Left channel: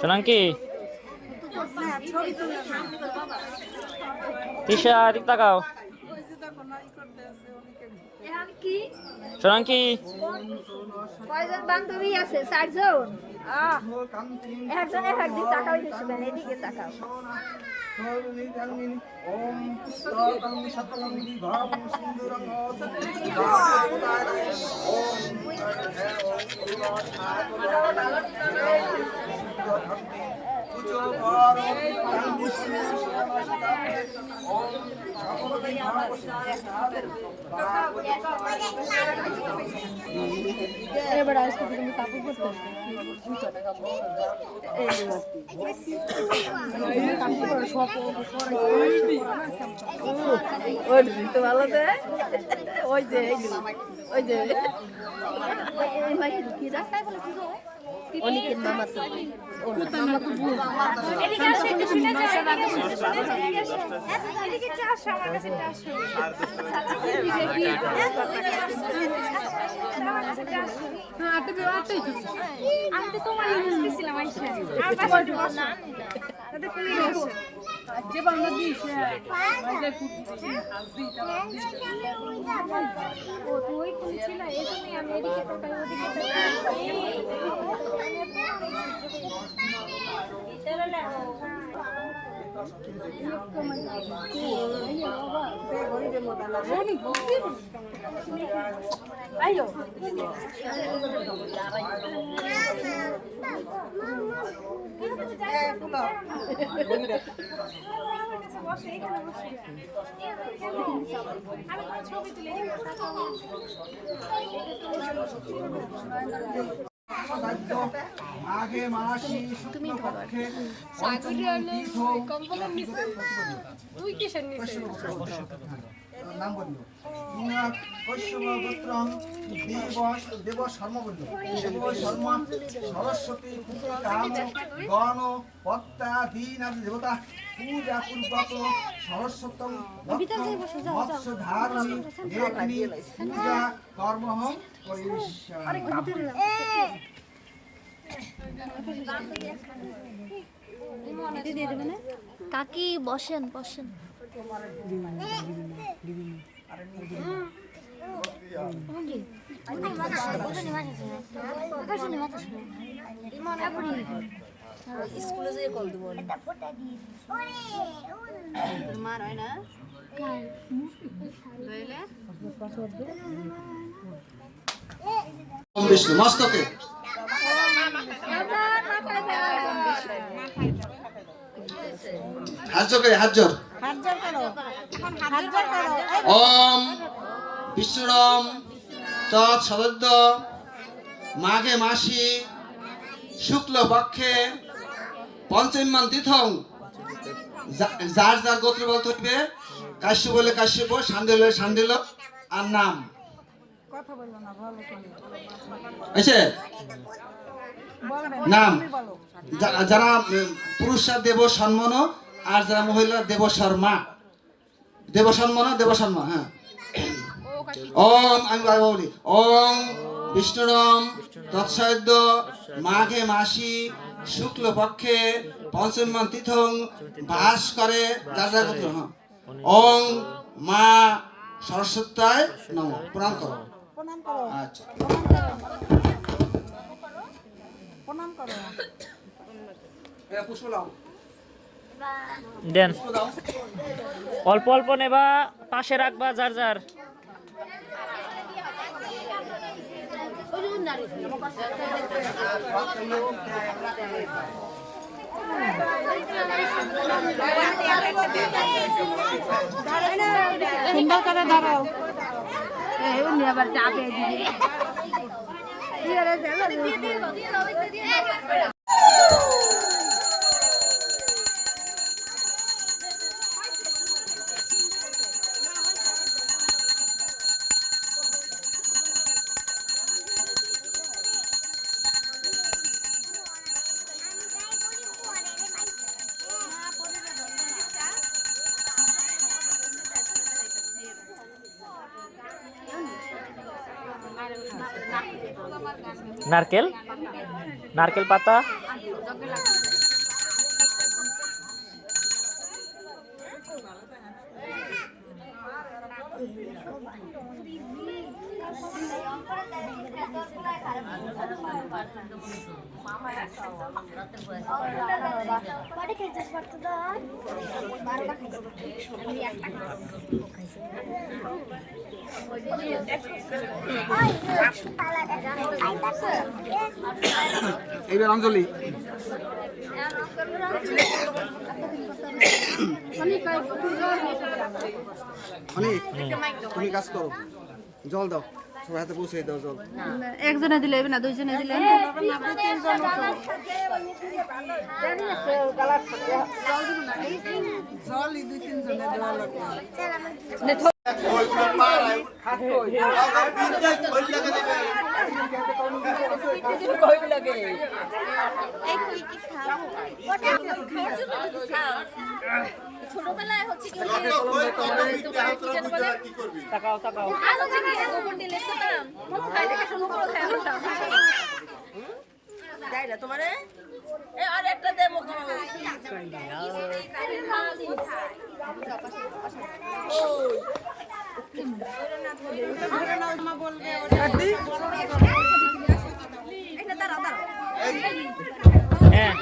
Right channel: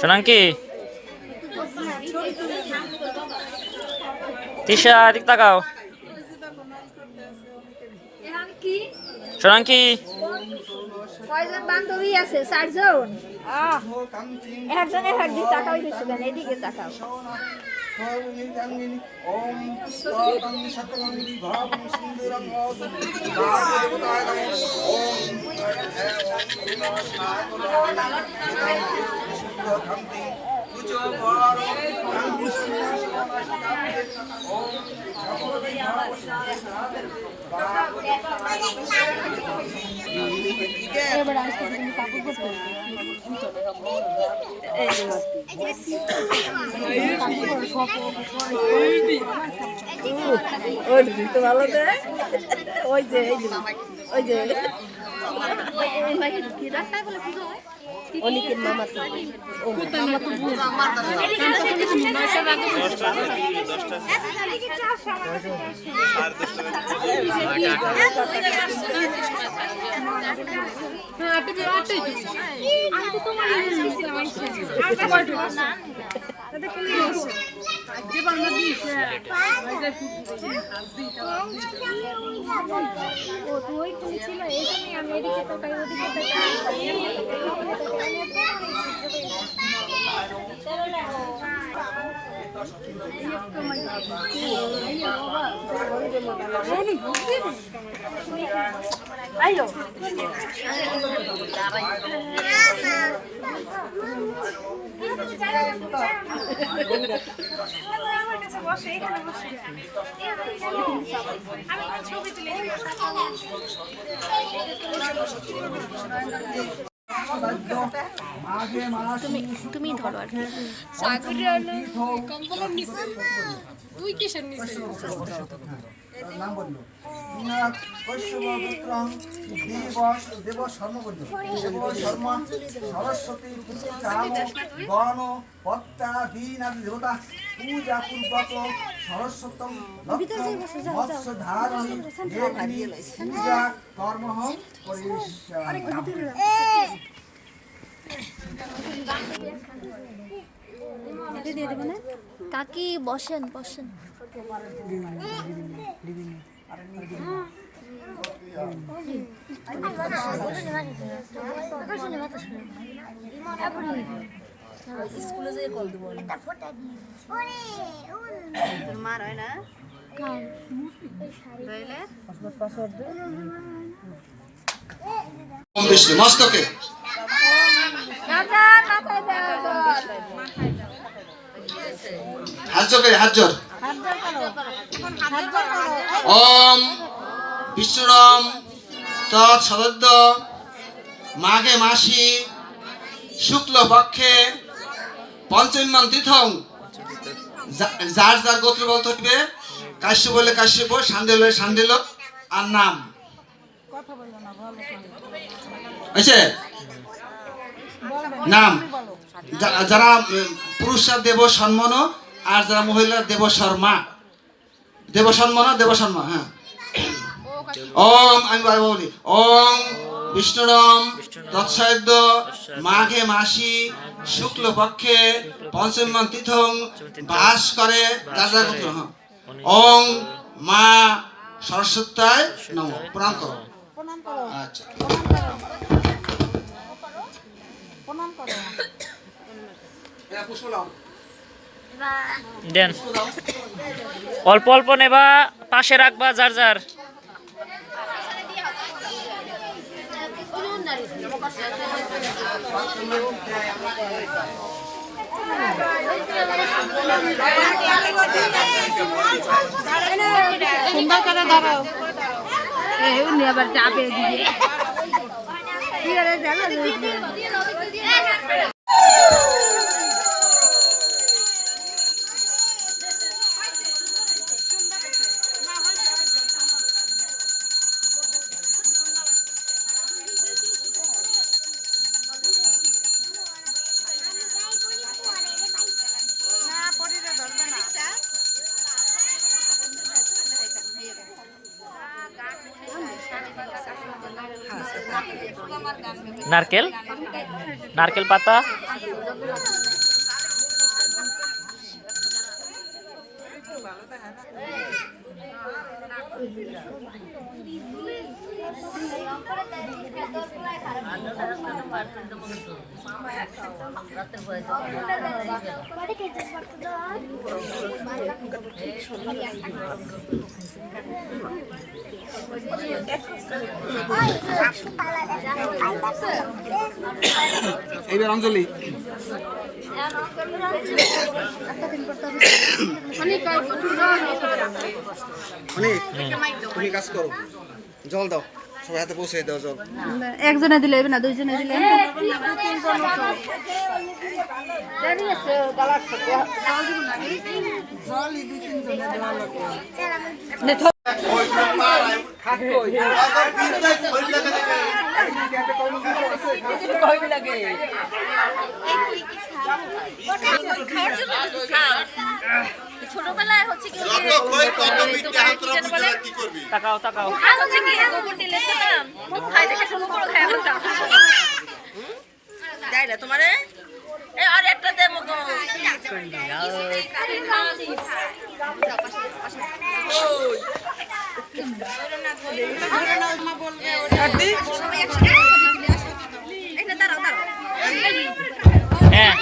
সোনাঙ্কি তিশা দিক তাকাও সোনাঙ্কি কয়জন বান্ধবী আছে? 4 জন। একজন এক দিক তাকাও, এদিকে তাকাও। ওম সতং সতং বিভাবং সিন্দুরং ওই তো ভালো দে, ওই যে ওই যে অনেকের নাম আছে। আমি তো তোমার ছিলাম তুমি ধরো আর তুই কিসের নিছিস? নাম বলিও বিনাক কৈশবপুত্রং দেব শর্মা বলিও দেব শর্মা সরস্বতী কাম গণ পত্তা দীন আদি দেবতা পূজা পূর্বক সরস্বতম মৎস্য ধারণী লেখনী পূজা কর্ম কাকি বসেন বসেন। মার হয় না মস্তকে হাত জোর করে হাত জোর ওম বিষ্ণুরম তৎসদদ্য মাঘে মাসি শুক্ল পক্ষে পঞ্চমীমান তীর্থং যার যার গোত্র বলতে হবে কাশ্যপ বলে কাশ্যপ সান্ডেল হলে সান্ডেল আর নাম আছে নাম যারা পুরুষরা দেব সম্মান আর যারা মহিলা দেব শর্মা দেব সম্মান দেব শর্মা। হ্যাঁ ওম আমি বলি ওম বিষ্ণুরম তৎসদ্য মাঘে মাসি শুক্ল পক্ষে পঞ্চমীমান তীর্থং বাস করে দাদা গোত্র। ওম মা সরস্বত্যায় নমঃ। প্রণাম করো আচ্ছা প্রণাম করো পুষ্প নাও দেন অল্প অল্প নেবা পাশে রাখবা যার যার। সুন্দর করে ধরো আবার চাপে দিয়ে নারকেল নারকেল পাতা এইবার অঞ্জলি অনেক তুমি কাজ করো জল দাও সবাই হাতে পৌঁছে দাও জল একজনে দিলে না দুইজনে দিলে ছোটবেলায় হচ্ছে কি তাকাও তাকাও হচ্ছে কি গোবর দিলে খেতাম খুব খাই দেখে শুরু করে খাই বলতাম যাইলে তোমারে এই আর একটা দে মগো হ্যাঁ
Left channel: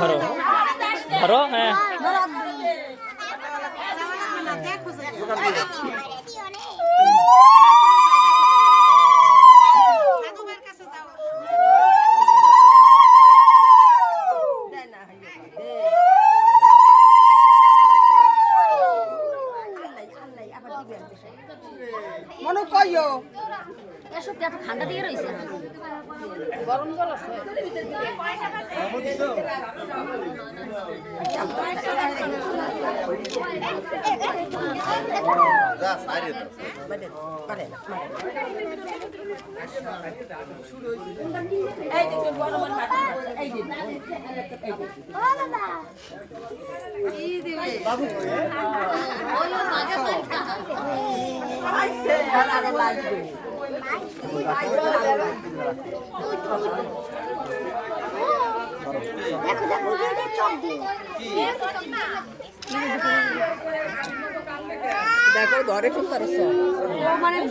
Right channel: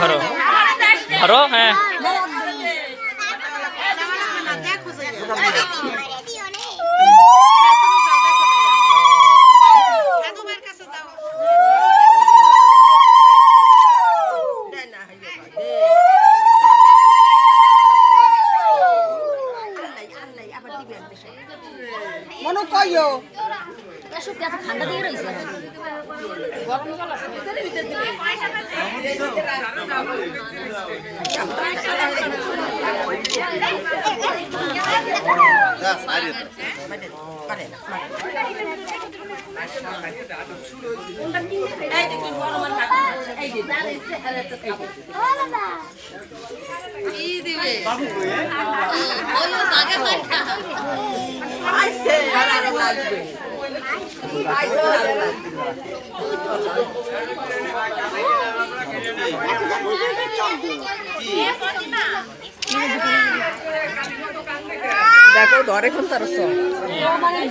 ধরো ধরো হ্যাঁ মনু কইও ঠান্ডা দিয়ে রয়েছে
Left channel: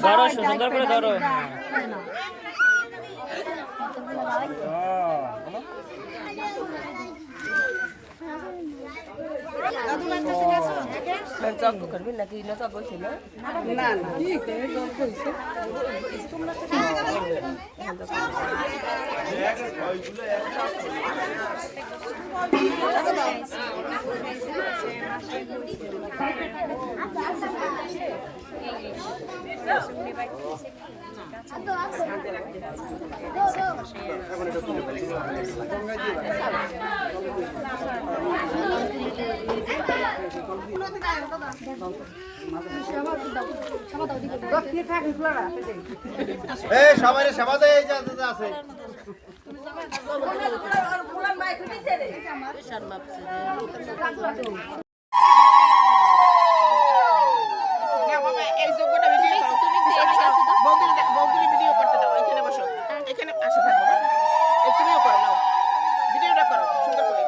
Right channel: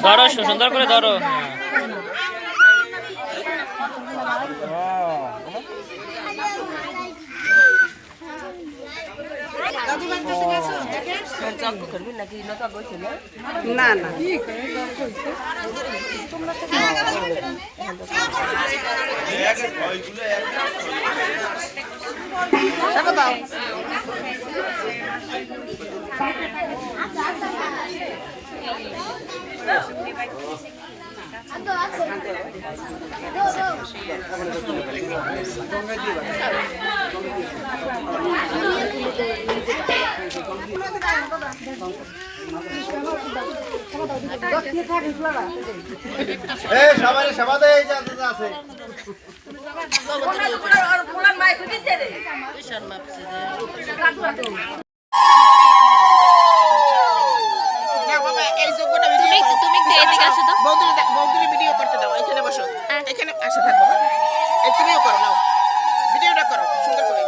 ধরো সুন্দর করে ধরো না না সবাই সেবা দেয় আছে তুমি এদিকে আসো তো বৌদির ভিডিও করতে দাও এখানে বসো এখানে আসে থাকবো তুমিও করো নাও ভিডিওটা করো সুন্দর করে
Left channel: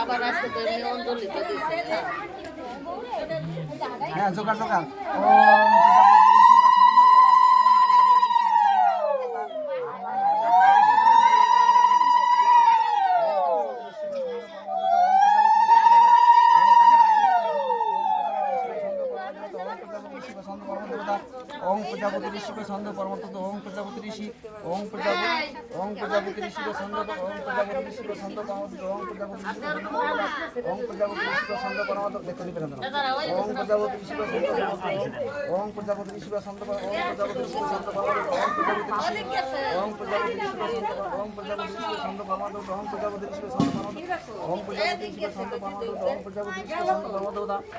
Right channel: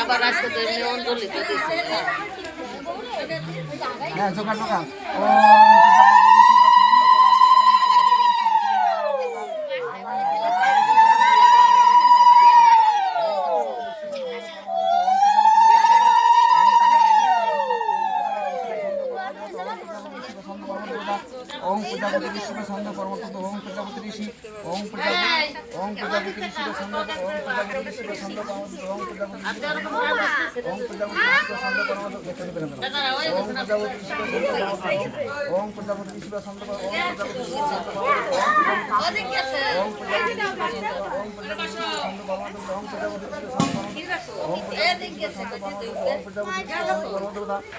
আবার আসতে তো এমনি অঞ্জলি দিতেছে হ্যাঁ জোগাড় জোগাড় ও ঋষি ছন্দ পরম দেবতা ওং প্রজাপতি ঋষি ছন্দ পরম দেবতা ওং প্রজাপতি ঋষি ওং প্রজাপতি ঋষি ছন্দ ওং প্রজাপতি ঋষি ছন্দ পরম দেবতা ওং প্রজাপতি ঋষি ওং প্রজাপতি ঋষি ছন্দ পরম দেবতা দেখতে নিবেন ওং প্রজাপতি ঋষি ছন্দ পরম ওং প্রজাপতি ঋষি ছন্দ পরম ওং প্রজাপতি ঋষি ছন্দ পরম ওং প্রজাপতি ঋষি ছন্দ পরম ওং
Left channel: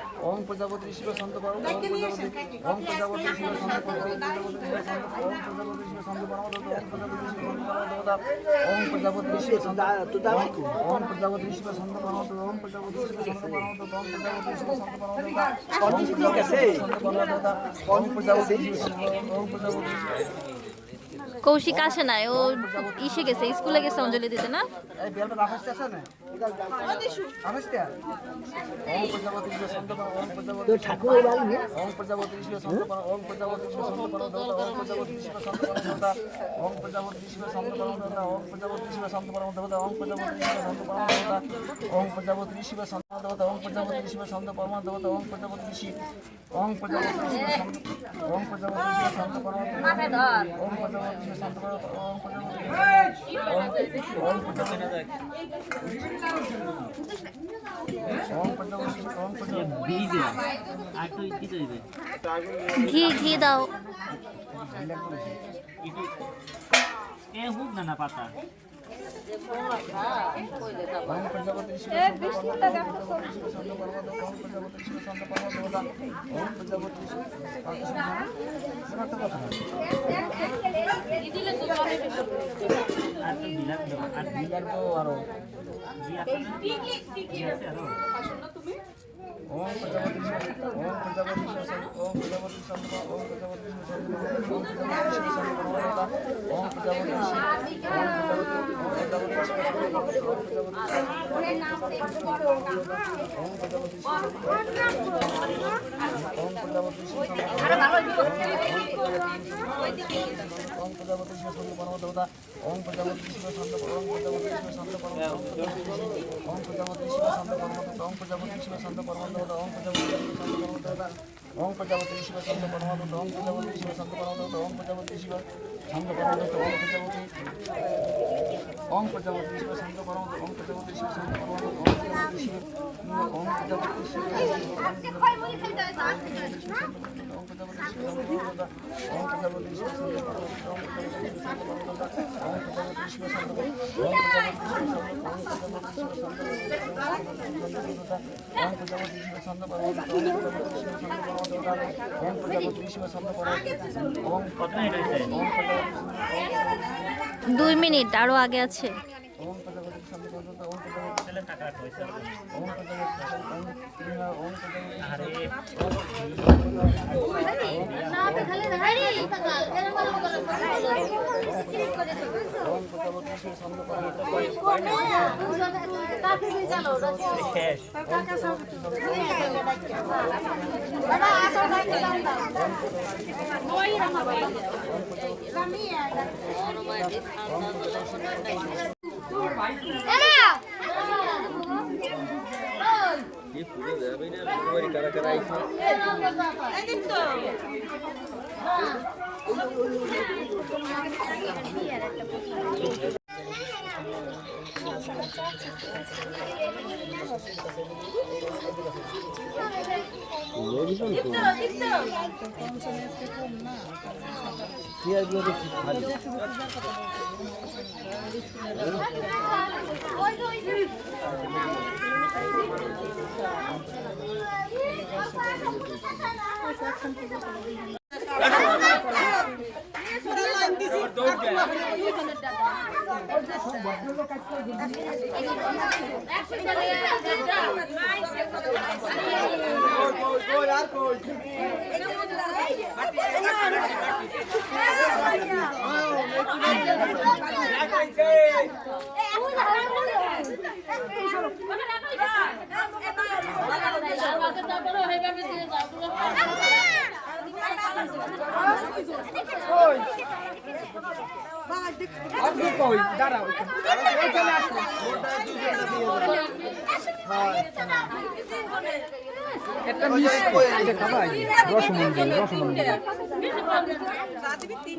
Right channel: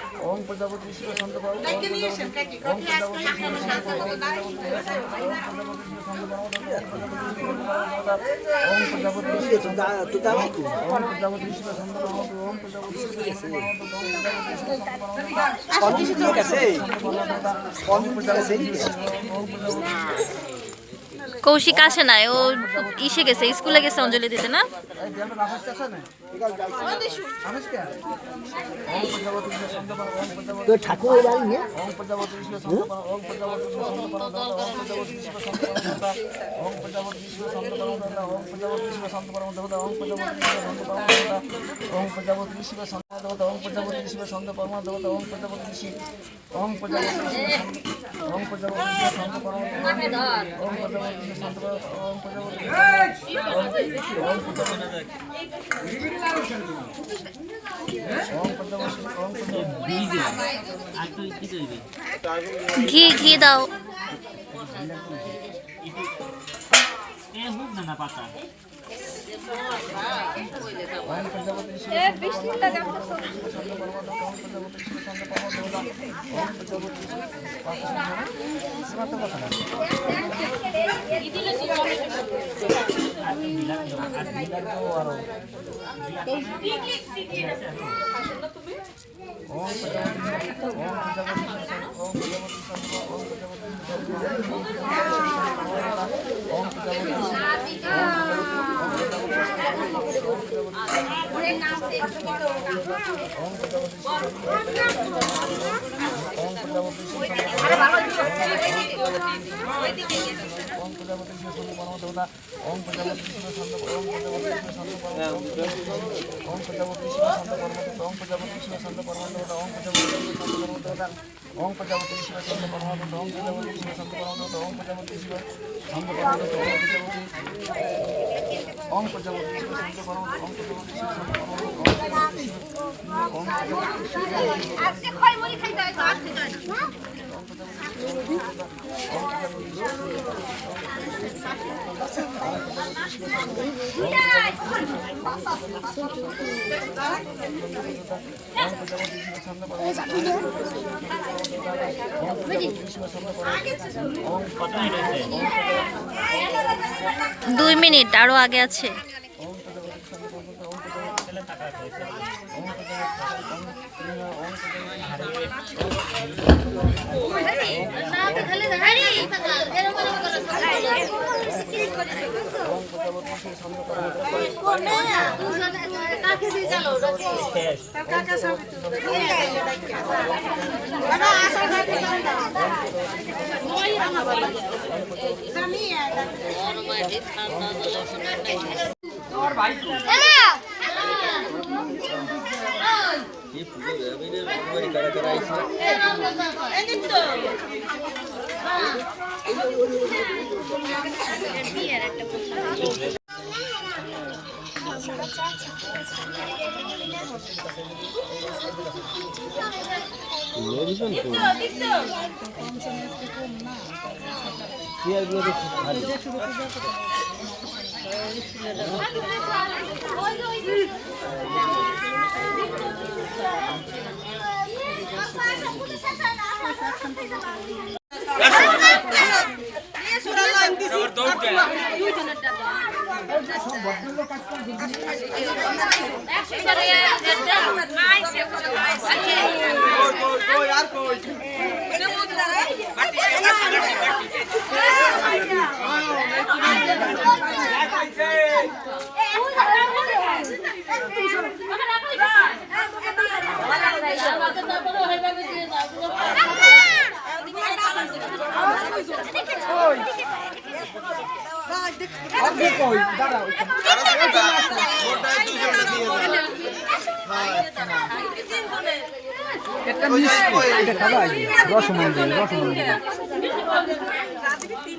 প্রজাপতি ঋষি ছন্দ পরম ওং প্রজাপতি ঋষি ছন্দ পরম ওং প্রজাপতি ঋষি ছন্দ পরম ওং প্রজাপতি ঋষি ছন্দ পরম ওং প্রজাপতি ঋষি ছন্দ ওং প্রজাপতি ঋষি ছন্দ ওং প্রজাপতি ঋষি ছন্দ পরম ওং প্রজাপতি ঋষি ছন্দ পরম ওং প্রজাপতি ঋষি ছন্দ পরম ওং প্রজাপতি কৌশিক আসে নাই, ও ইসে গেছে, স্কুলে গেছে অঞ্জলি দিতে না। এই বেলটা রাখছ আছে না আমিস কে ওং প্রজাপতি ঋষি ছন্দ পরম ওং প্রজাপতি তো ঠাকুর বাড়ি নে ওং প্রজাপতি ঋষি ছন্দ পরম ওং প্রজাপতি ঋষি ছন্দ পরম ওং প্রজাপতি ঋষি ছন্দ পরম ওং প্রজাপতি ঋষি ছন্দ পরম ওং প্রজাপতি ঋষি ছন্দ পরম ওং প্রজাপতি ঋষি ছন্দ পরম ওং প্রজাপতি ঋষি ছন্দ পরম ওং প্রজাপতি ঋষি ছন্দ পরম ওং প্রজাপতি ঋষি ওং প্রজাপতি ঋষি ওং প্রজাপতি ঋষি ছন্দ পরম ওং প্রজাপতি ঋষি ছন্দ পরম ওং প্রজাপতি ওং প্রজাপতি ঘি ঘি দাও। দুই মিনিট আরো আগে আছে।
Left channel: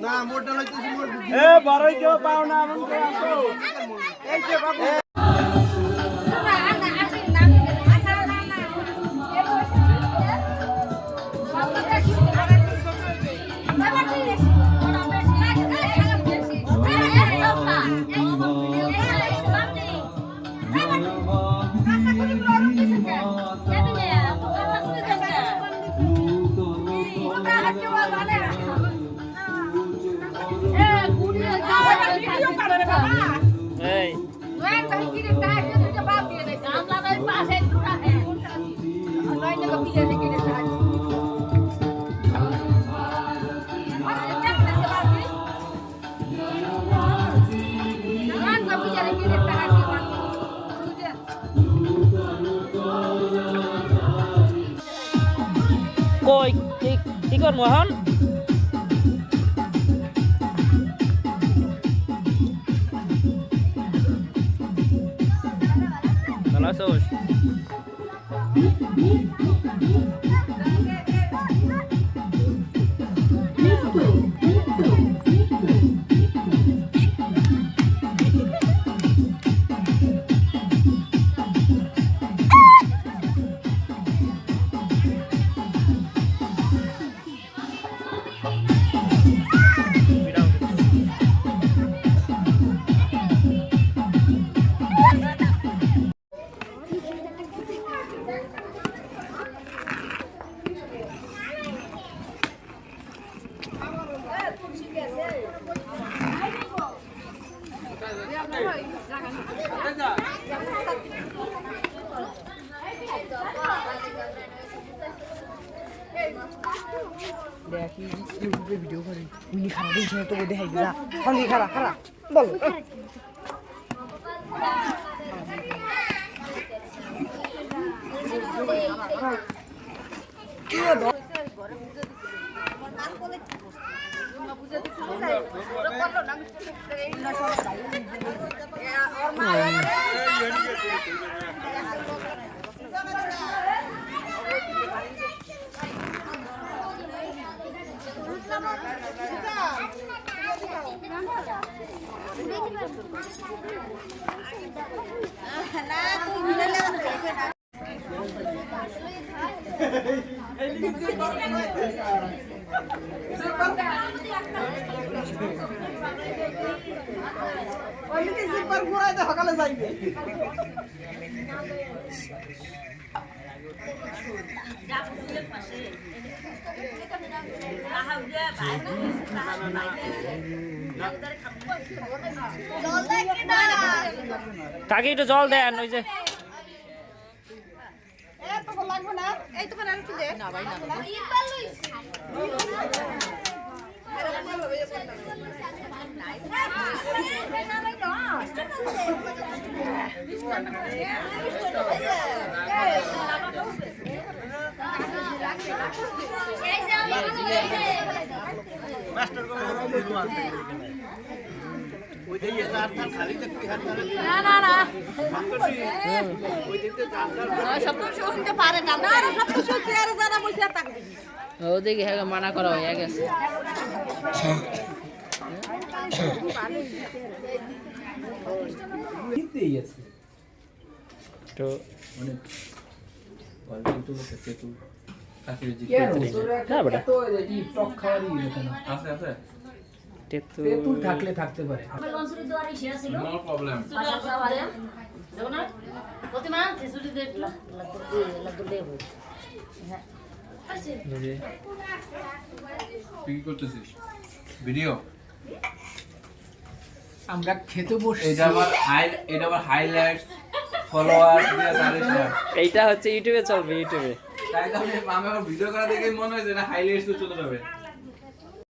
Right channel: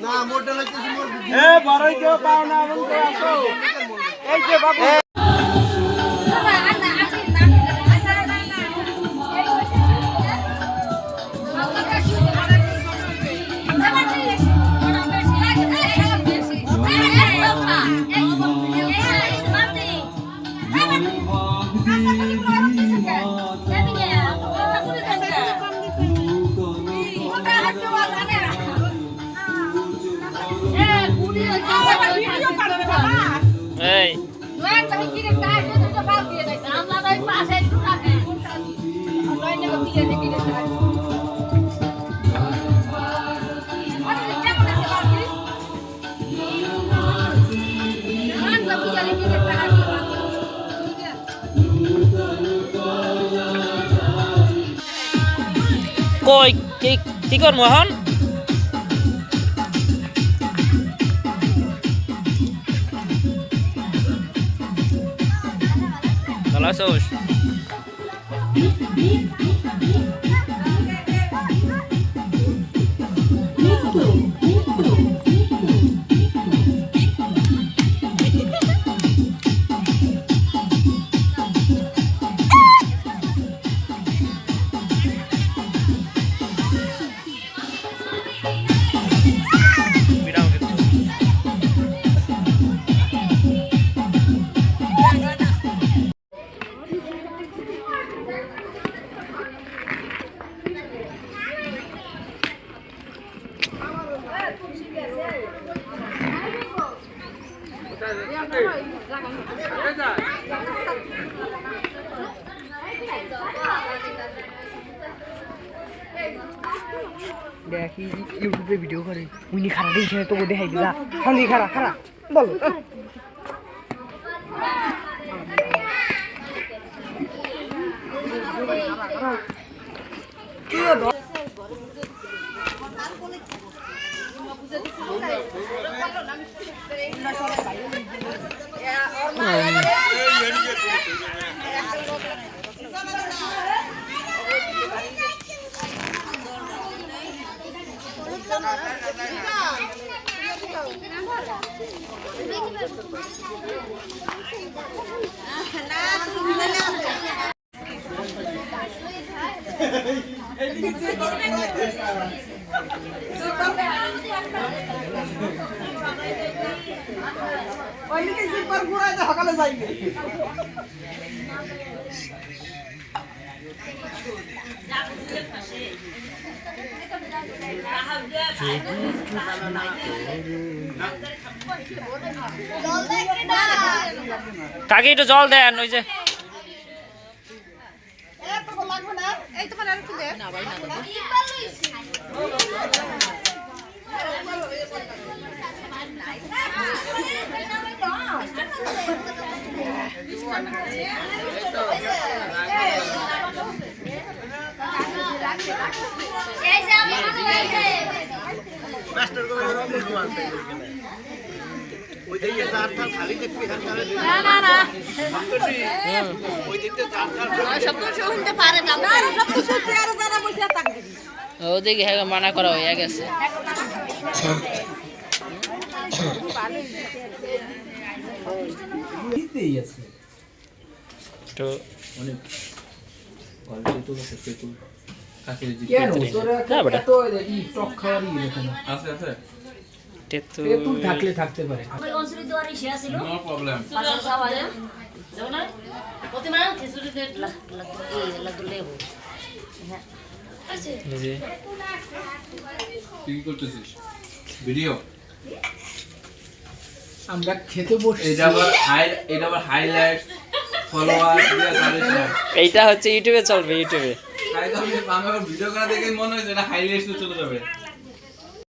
না মোটা লাগতেছে মোর এ বড়ই কেউ পাও না এমন কেউ আসো এই যে বাবু এই কই কি কর মোহন ভালো আছোস দেখি ইউটিউবে ভিডিও করে উনি খারাপ দেখে তো দেখাই দিলা খালি খারাপ খারাপ বলো কাকি একটু জল দেন ওই যে ওদিকে মানা করা হয়ে গেছে তো তেঁতুল থাকলে থাকতে পারে তুই কি করতেছিস ভিডিও আমরা খেতে বসে এটা আবার হাইলাইট ফলোয়ার এইটা হচ্ছে ইউটিউবে চলবে ইউটিউবে তাই তো আমি আমার ভিডিও করা দেখে মনে হয় যে এটা হাইলাইটস চলে যাবে